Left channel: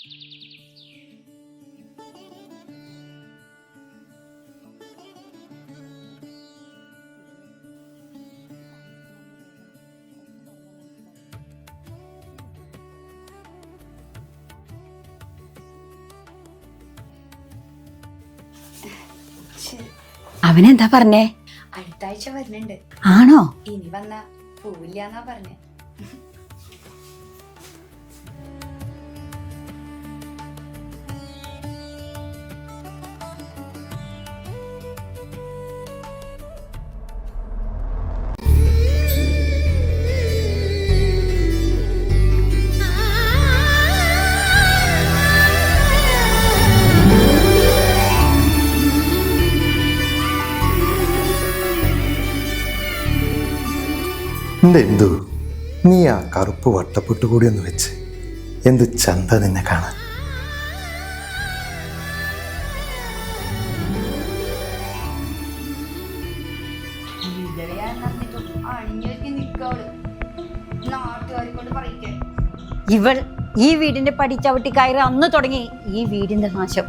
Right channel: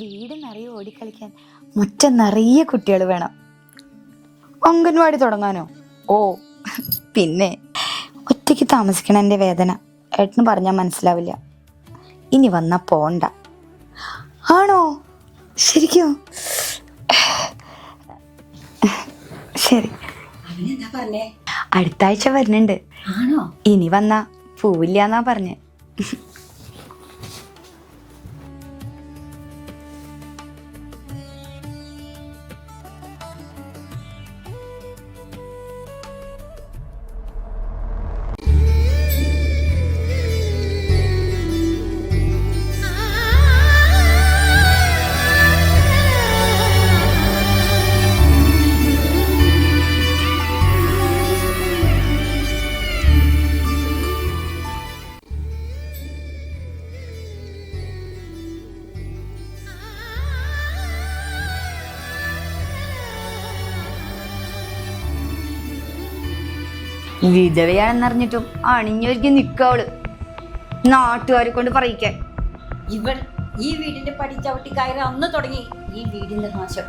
വീട് നിറയെ ഓടിക്കളിക്കാൻ മുറ്റം നിറയെ കുട്ടികൾ വേണം. അംഗൻവാടി തുടങ്ങാനോ? ഓ പിന്നെ ഒറ്റയ്ക്ക് താമസിക്കണതിന്റെ വേദന ഏട്ടന് പറഞ്ഞാൽ മനസ്സിലാവില്ല. ഇനി വന്നാ പോണ്ട. ആണോ? ശരിക്കും? ശരി. അവനെന്താ പറഞ്ഞേ? അടുത്ത ആഴ്ച വരുന്നുണ്ട്. ആണോ? ഇനി വന്നാ പോവില്ലാന്നാ പറഞ്ഞേ. എന്തു നീ ആ കറുപ്പ് വട്ടപ്പെട്ട് കൂടി ഒന്ന് വെച്ച് എന്ത് ചന്ത നിന്നെ കാണാൻ. വിധവയാണെന്നറിഞ്ഞിട്ടും അണിഞ്ഞൊരുക്കി നിക്കവള്, നാട്ടുകാരെ കൊണ്ട് പറയിക്കാൻ. ഇവൾ ഈ വീടിന്റെ പടി ചവിട്ടി കയറി അന്ന് തുടങ്ങി ഈ വീടിന്റെ നാശം.